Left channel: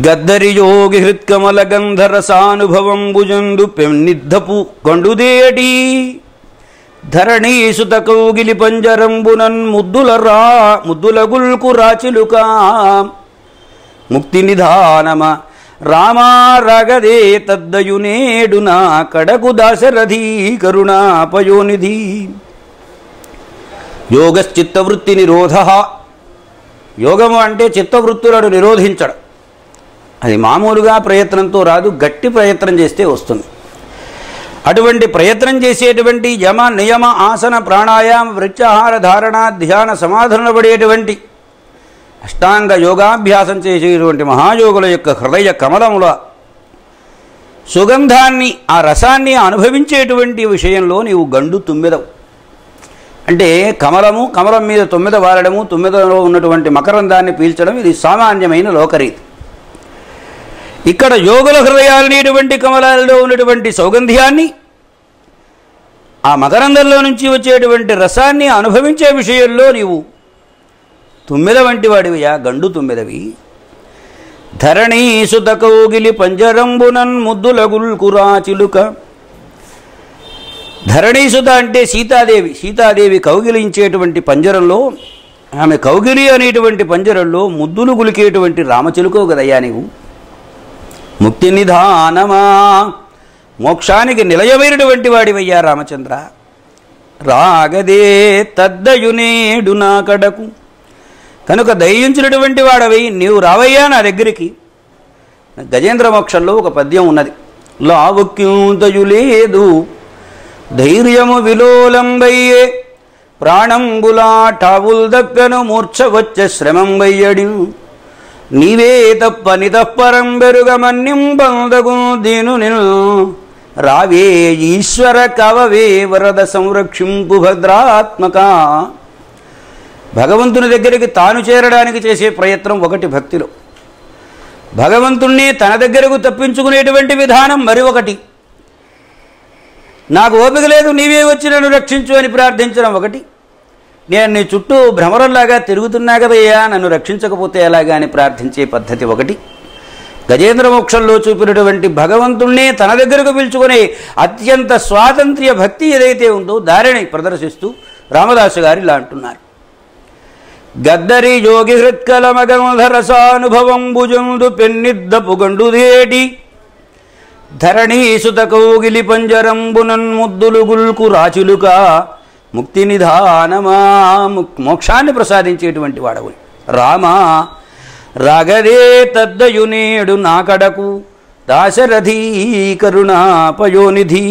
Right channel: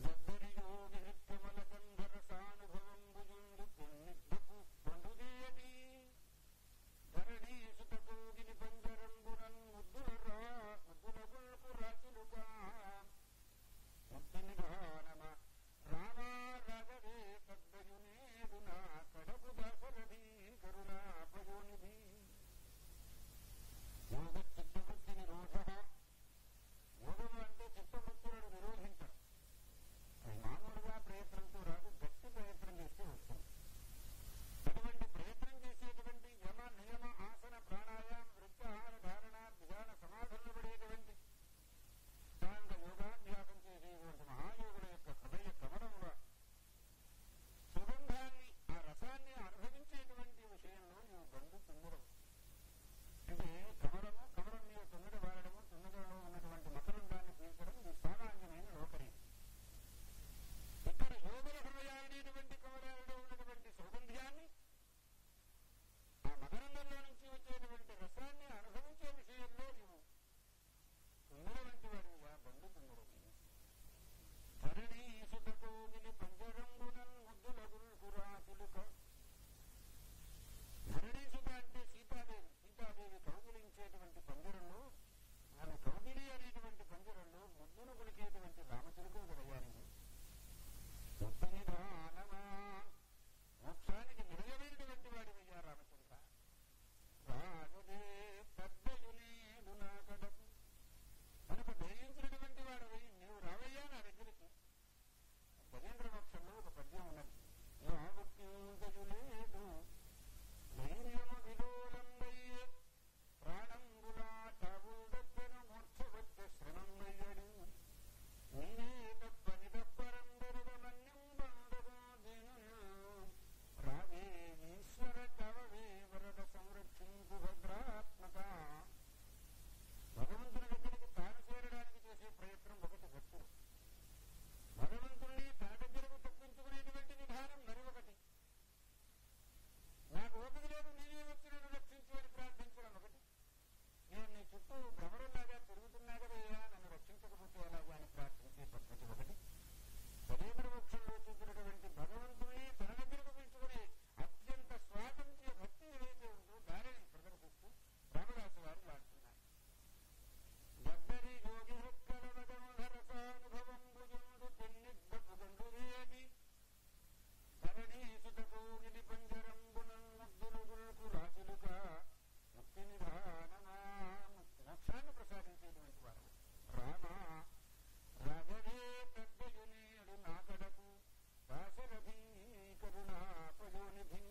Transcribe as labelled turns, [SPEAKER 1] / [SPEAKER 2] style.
[SPEAKER 1] గద్దరి యోగి హృత్కమల గంధరసానుభవం భుజందు పెన్నిద్దపు గండుదేటి ధరణీసుత కౌగిలి పంజరంబునన్ ముద్దుల రా ముద్దుల గుల్కు రాచిలుకా. ముక్తి నిధానమ రామా రగదే తద్దయునేడు నా కడకు దాశరథీ కరుణాపయోనిధి. యోగశ్చిత్తవృత్తి నిరోధ. యోగము అంటే చిత్తవృత్తులను నిరోధించడం. అది మామూలుగా ప్రయత్నంతో రాదు గట్టి ప్రయత్నం చేస్తే వస్తుంది. అటువంటి ప్రయత్నం చేసేటువంటి యమ నియమ ఆసన ప్రాణాయామ వృత్యాహార ధారణ ధ్యాన సమాధాన పడేటువంటి అష్టాంగ యోగాభ్యాసం చేసేటువంటి మహాయోగుల యొక్క హృదయ కమలముల సుగంధాన్ని ఆ రసాన్ని అనుభవించేటువంటి విషయంలో నీవు గండు తుమ్మెదవు. అంటే కమలము కమలం మీద తొమ్మిద వారడము తొమ్మిదలో ఉన్నటువంటి మకరందాన్ని పీల్చడం ఇది సామాన్యమైన లోకరీతి. ఇక్కడ యోగుల హృదయాలనేటువంటి కమలాలలో ఉన్నటువంటి సౌగంధ్యాన్ని ఆ మకరందంలో నుంచి వచ్చేటువంటి రసాన్ని అనుభవించే విషయంలో నీవు తుమ్మెద వంటి వాడివియా గండు తుమ్మెదవి. ధరణీ సుత కౌగిలి పంజరంబునన్ ముద్దులగుల్కురా చిలుక. ధరణీసుత అంటే సీతాదేవి సీతాదేవి కౌగిలించేటువంటి పంజరంలో ఆమె కౌగిలి అనేటువంటి పంజరంలో ముద్దులు గులికేటువంటి రామచిలుకో కదయ్యా నీవు. ముక్తి నిధానమా మోక్షానికి నిలయమైనటువంటి వాడివయ్యా రామచంద్ర. రాగదే తద్దయునేడు నా కడకు. కనుక దయించినటువంటి వాడవై నీవు రావయ్యా నా దగ్గరికి. గజేంద్ర మోక్షంలో ఒక పద్యం ఉన్నది. లావుక్యూతయు లేదు ధైర్యము విలోలంబయ్యే ప్రాణంబులాటావుల్ దక్కను మూర్ఛ వచ్చే శ్రమం వయ్యడి నీవే తప్ప నితఃపరం బెరుగమన్నింబందగు దీను నిను రావే ఈశ్వర కవవే వరద సంరక్షింపు భద్రాత్మక. భగవంతుని దగ్గరికి తాను చేరడానికి చేసే ప్రయత్నం ఒకటి భక్తిలో. భగవంతుణ్ణి తన దగ్గరకు తప్పించుకునేటువంటి విధానం మరి ఒకటి. నాకు ఓపిక లేదు నీవే వచ్చి నన్ను రక్షించు అని ప్రార్థించడం ఒకటి. నేను నీ చుట్టూ భ్రమరంలాగా తిరుగుతున్నా కదయ్యా నన్ను రక్షించకపోతే ఎలాగా అని ప్రార్థించే పద్ధతి ఒకటి. గజేంద్ర మోక్షంలో చూపినటువంటి భగవంతుణ్ణే తన దగ్గరకు పిలుచుకునే అత్యంత స్వాతంత్ర్య భక్తి ఏదైతే ఉందో దారిని ప్రదర్శిస్తూ రామదాసు గారు ఇలా అంటున్నారు. గద్దరి యోగి హృత్కలమగంధరసానుభవం భుజందు పెన్నిద్దపు గండుదేటి ధరణీసుత కౌగిలి పంజరంబునన్ ముద్దులు గుల్కు రాచులుగా ముక్తి నిధానమా మోక్షాన్ని ప్రసాదించేటువంటి వాడవు. రామా రాగదే తద్దయునేడు నాకడకు దాశరథీ కరుణాపయోనిధి.